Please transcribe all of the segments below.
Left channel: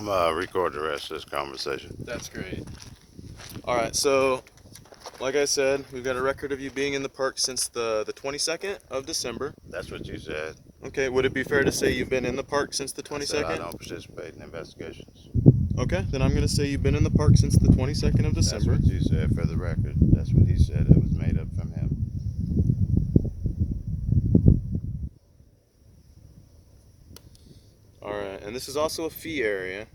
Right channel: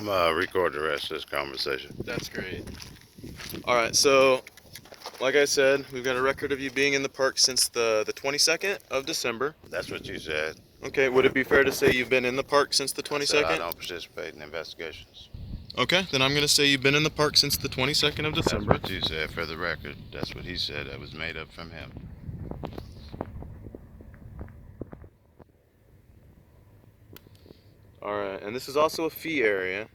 I'm gonna record the rest of this conversation. That's great. All right, so like I said, we've got a record of you being in the park since the 22nd of December. That's what you said. Okay, would it be fair to say you've been in the park since the I said I 22nd? don't participate in investigations. Okay, then I'm going to say you've been in the park since the 22nd of That's December. what you said for the record. That's what he said. It was made up from him. All right, and this is also a fee area.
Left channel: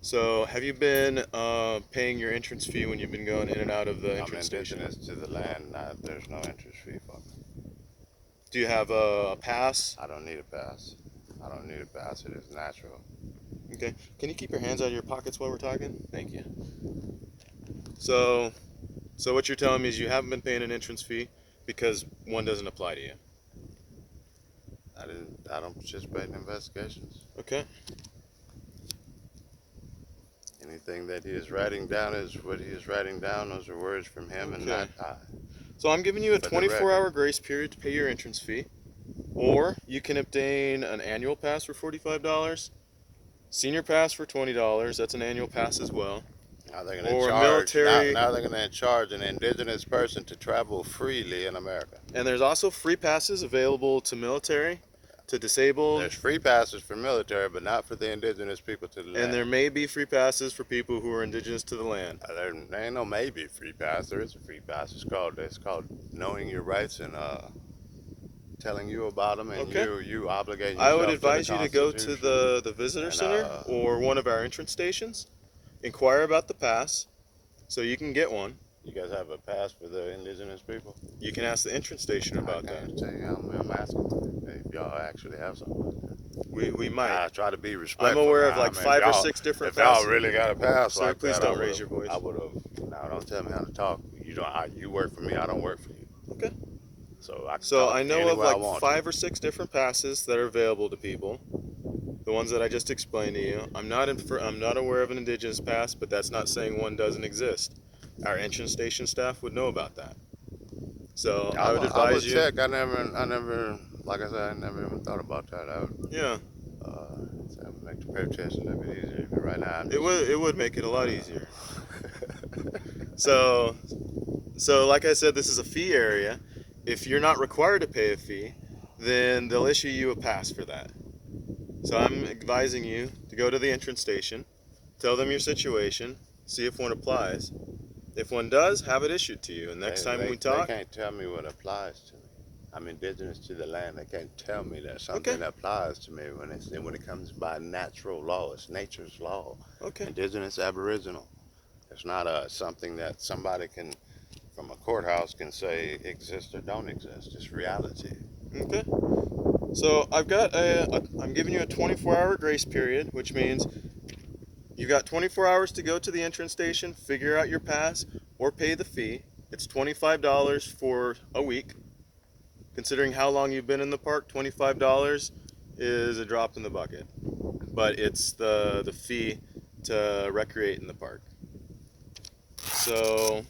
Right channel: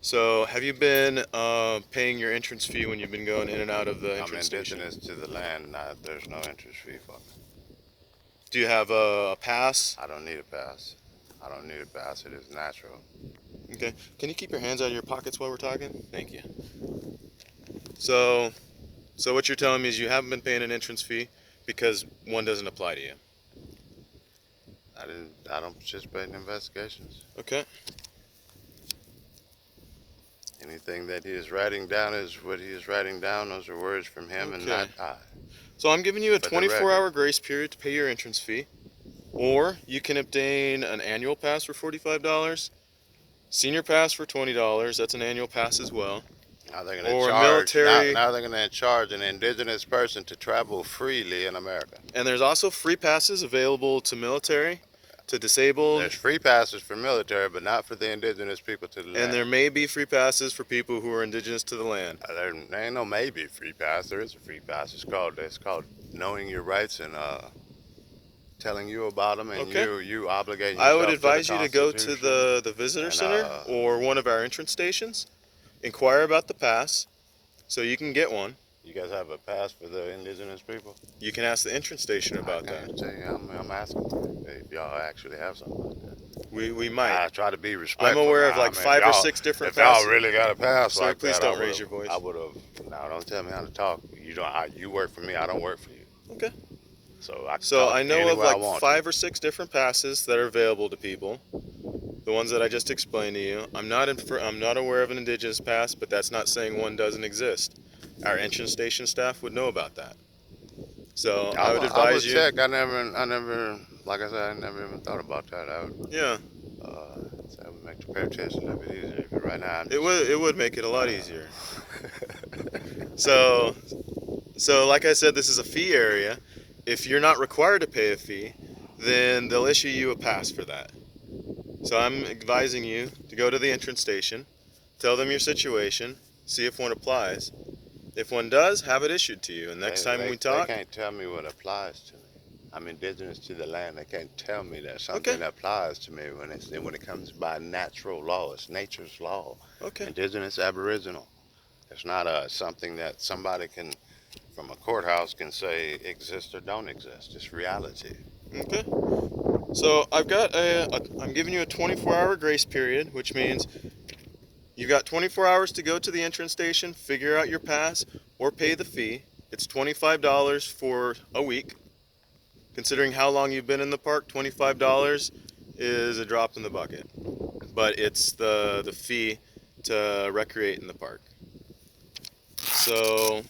So have you been paying your entrance fee when you've been going in and out of the I'm entrance station? indigenous to the land. There's no interest fee for me. Do you have a pass? I don't need a pass. I don't need a pass. It is natural. Okay, can you keep your hands out of your pockets while we're talking? Thank you. So what you're telling me is you haven't been paying an entrance fee because one doesn't apply to you. I don't participate in investigations. Okay. Anything that he is writing down is what he is writing down. Those are words from him and not I. So I'm giving you a For the 24-hour record. grace period to pay your entrance fee, or you can obtain an annual pass for $45, senior pass for $20. That's an annual pass as well. Now they're going to Or a charge. military. Now they're going to charge an indigenous person to travel freely in America. And there's also free passes available to military, to disabled. There's free passes for military, but not for the indigenous people to the land. And there may be free passes for people who are indigenous to the land. There ain't no maybe free pass. There is a free pass. It's called knowing your rights and telling you about them, and you obligating yourself. I would advise to the you to go to the visitor center or one of our entrance stations, inquire about the pass, so you can get one. You guys have a pass for the indigenous people? You can ask the entrance station about I can't tell you. I'm asking if y'all actually have something like that. We might. I try to be respectful. I'm aware of like 5 or 6 different passes. If y'all really got a pass Sir, like please that, don't raise your voice. I would have. Now, don't tell me how to talk. You work for me. I don't work for you. Okay. So I know of like 5 or 6 different passes that are available to people. The ones that I just explained to you. I'm not aware of an indigenous pass, but that's not saying one doesn't exist. Our entrance station staff would know about that. So I would advise you. Check. I never, like I said, I never even thought about that. Yeah. That would make the pay attention a bit easier. But right now, it would make it a lot easier. So like I said, this is a fee area. If you're not required to pay a fee, then they'll issue you a pass for that. So I'm advising you to go to the entrance station, tell them your situation, see if one applies. If one does, have it issued to you. And next time we talk... They can't tell me what applies to me. I'm indigenous to the land. They can't tell me that something applies to me when it comes by natural law. It's nature's law. Okay. Indigenous, aboriginal. It's not something that somebody can, from a courthouse, can say exists or don't exist. It's reality. Okay. So I'm giving you a 24-hour grace period, which means you've got 24 hours to go to the entrance station, figure out your pass, or pay the fee. It's $25 for a week. Considering how long you've been in the park, $25 is a drop in the bucket. But it's the fee to recreate in the park. So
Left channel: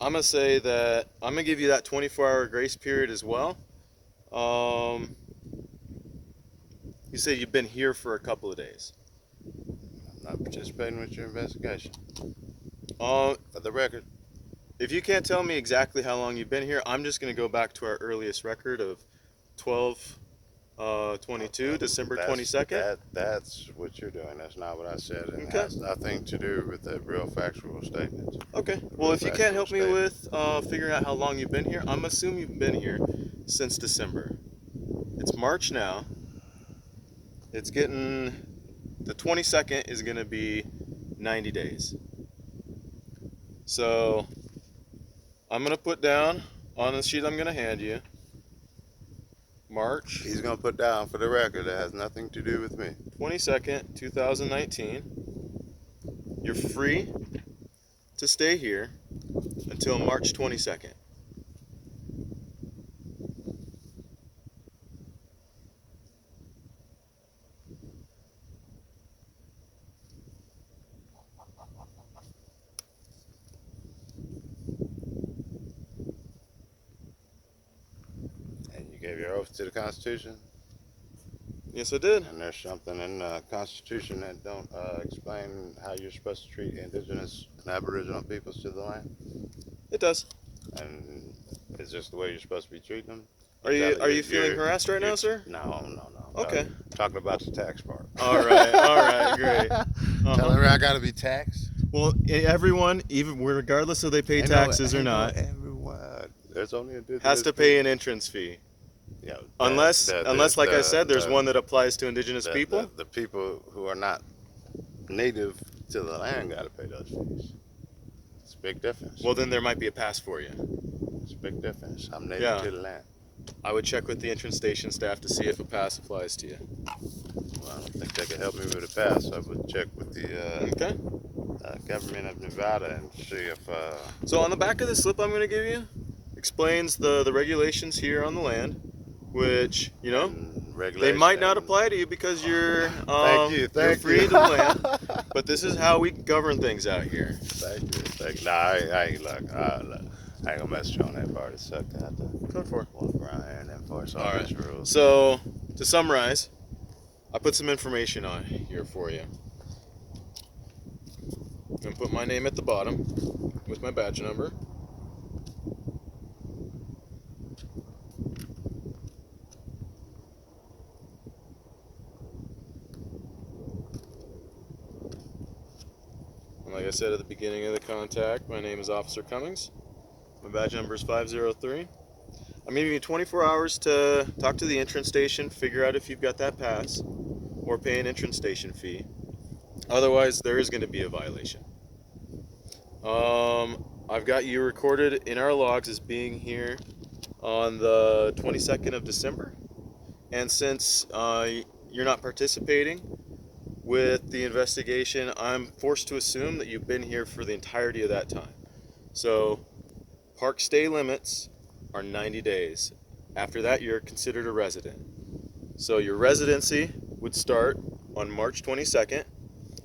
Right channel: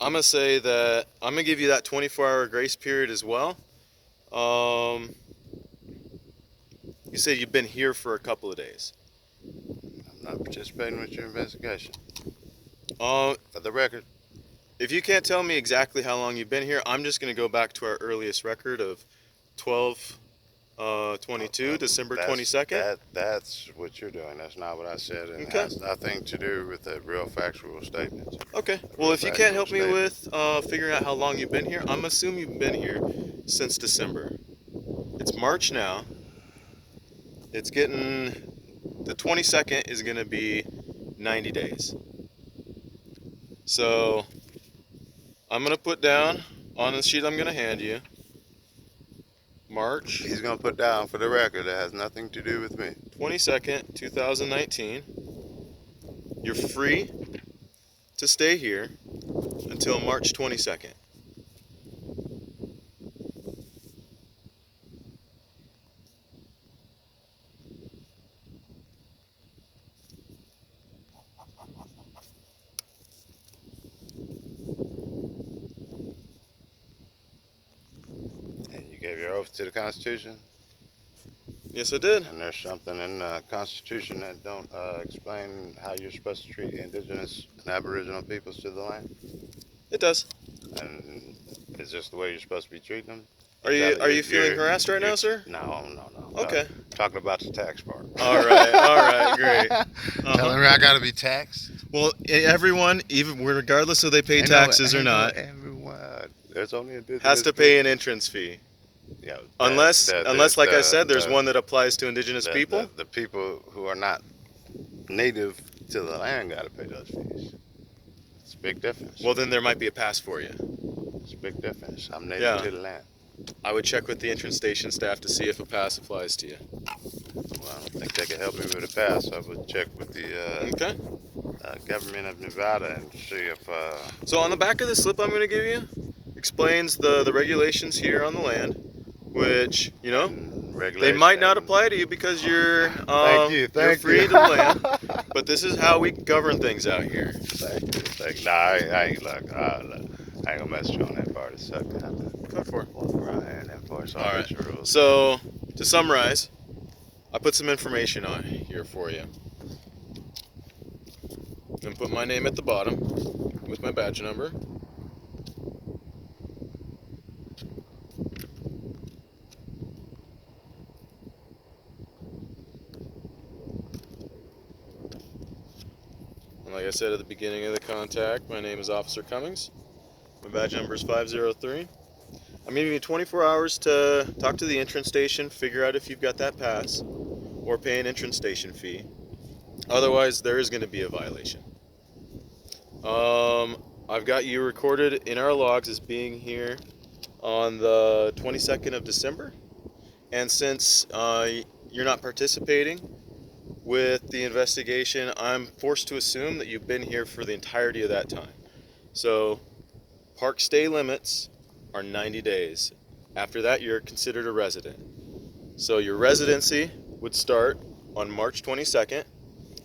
I'm going to say that I'm going to give you that 24-hour grace period as well. You said you've been here for a couple of days. I'm not participating with your investigation. For the record. If you can't tell me exactly how long you've been here, I'm just going to go back to our earliest record of 12/22, December 22nd. That's what you're doing. That's not what I said. And it has nothing to do with the real factual statements. Okay. Well, if you can't help me with figuring out how long you've been here, I'm assuming you've been here since December. It's March now. It's getting... The 22nd is going to be 90 days. So I'm going to put down on the sheet I'm going to hand you, March. He's going to put down for the record, it has nothing to do with me. 22nd, 2019. You're free to stay here until March 22nd. And you gave your oath to the Constitution? Yes, I did. And there's something in the Constitution that don't explain how you're supposed to treat indigenous and aboriginal peoples to the land. It does. And is this the way you're supposed to be treating them? Are you feeling harassed right now, sir? No. Okay. Talking about the tax part. All right, great. Telling me I got to be taxed. Well, everyone, even regardless if they pay taxes or not, Everyone. There's only indigenous has to pay an entrance fee. Yeah, Unless, like I said, there's one that applies to indigenous people. The people who are not native to the land got to pay those fees. It's a big difference. Well, then there might be a pass for you. It's a big difference. I'm native to the land. I would check with the entrance station staff to see if a pass applies to you. Well, I don't think they could help me with a pass. I would check with the government of Nevada and see if... So on the back of the slip I'm going to give you, explains the regulations here on the land, which, you know, they might not apply to you because you're free to land, but this is how we govern things out here. Thank you. Nah, I ain't gonna mess with you on that part. It's sucking. Go for it. Walk around here and enforce all these rules. So, to summarize, I put some information on here for you. And put my name at the bottom with my badge number. And like I said at the beginning of the contact, my name is Officer Cummings. My badge number is 503. I'm giving you 24 hours to talk to the entrance station, figure out if you've got that pass, or pay an entrance station fee. Otherwise, there is going to be a violation. I've got you recorded in our logs as being here on the 22nd of December. And since you're not participating with the investigation, I'm forced to assume that you've been here for the entirety of that time. So, park stay limits are 90 days. After that, you're considered a resident. So your residency would start on March 22nd,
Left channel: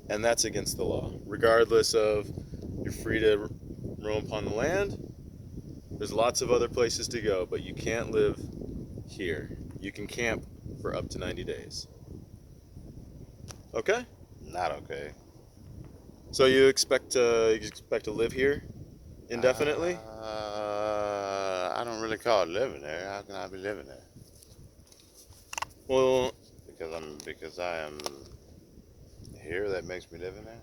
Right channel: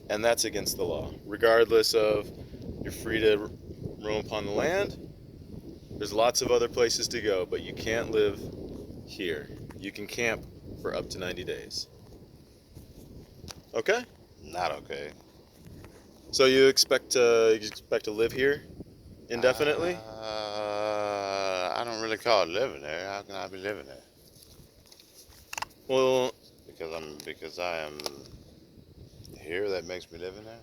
and that's against the law. Regardless of, you're free to roam upon the land. There's lots of other places to go, but you can't live here. You can camp for up to 90 days. Okay? Not okay. So you expect to live here indefinitely? I don't really call it living there. How can I be living there? Well, because I am here, that makes me living there.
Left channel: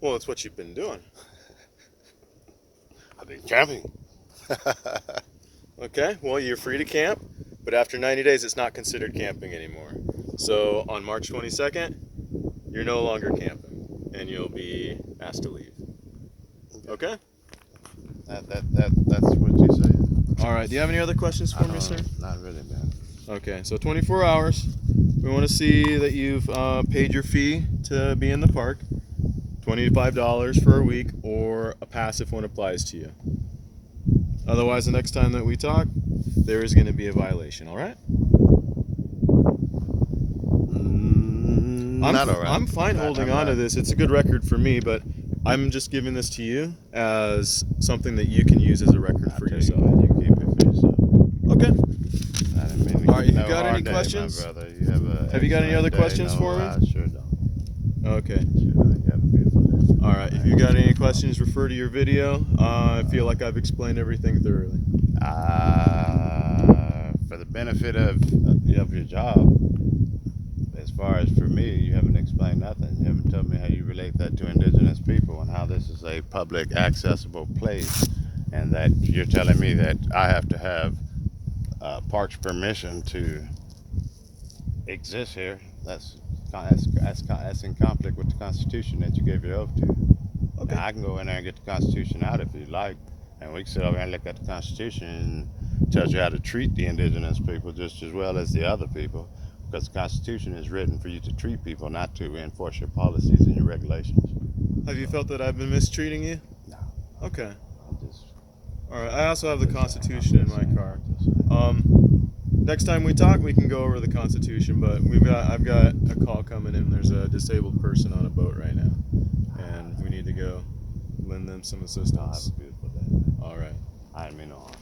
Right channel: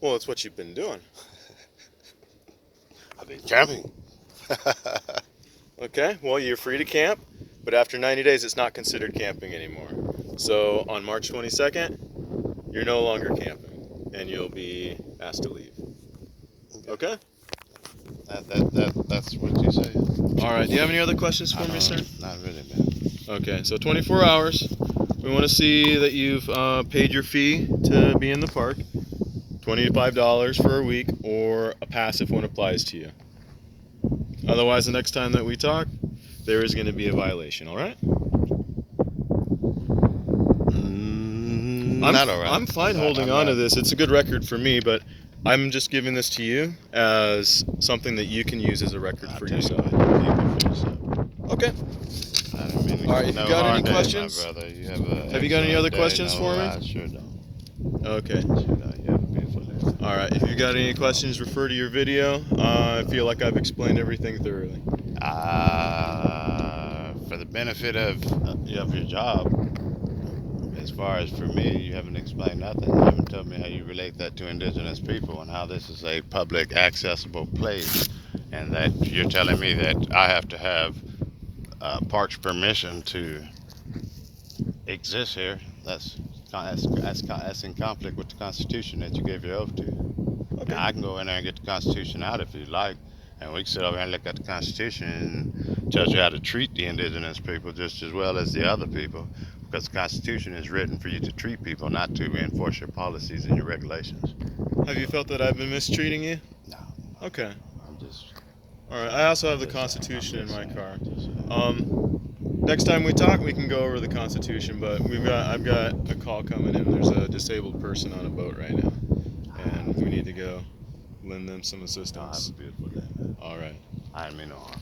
Well, it's what you've been doing. I've been camping. Okay, well, you're free to camp, but after 90 days, it's not considered camping anymore. So on March 22nd, you're no longer camping, and you'll be asked to leave. Okay? That's what you say. All right, do you have any other questions for me, sir? Not really, man. Okay, so 24 hours. We want to see that you've paid your fee to be in the park. $25 for a week, or a pass if one applies to you. Otherwise, the next time that we talk, there is going to be a violation, all right? Not all right. I'm fine holding on to this. It's a good record for me, but I'm just giving this to you as something that you can use as a record for yourself. Okay. All right, if you got any questions? Have you got any other questions for me? I sure don't. Okay. Sure don't. You have a beautiful day. All right, if you got any questions, refer to your video. I feel like I've explained everything thoroughly. For the benefit of your job, as far as for me, you haven't explained nothing. You haven't told me how you relate that to indigenous people and how this is a public accessible place, and that you're telling me that I have to have parks permission to exist here. That's in conflict with the Constitution that you gave your oath to. Okay. Now, I can go in there and get the Constitution out if you like, and we can sit over here and look at the Constitution and tell you how to treat the indigenous people just as well as the other people, because the Constitution is written for you to treat people, not to enforce your policies and your regulations. Have you felt that I've been mistreating you? No. Okay. I'm just... All right, I also have the Constitution in my car. Next time we talk, we can go over the Constitution, but I've got a call coming in. There's a disabled person on a boat right now, and we need to go lend them some assistance. Have a beautiful day, man. All right. I didn't mean no harm.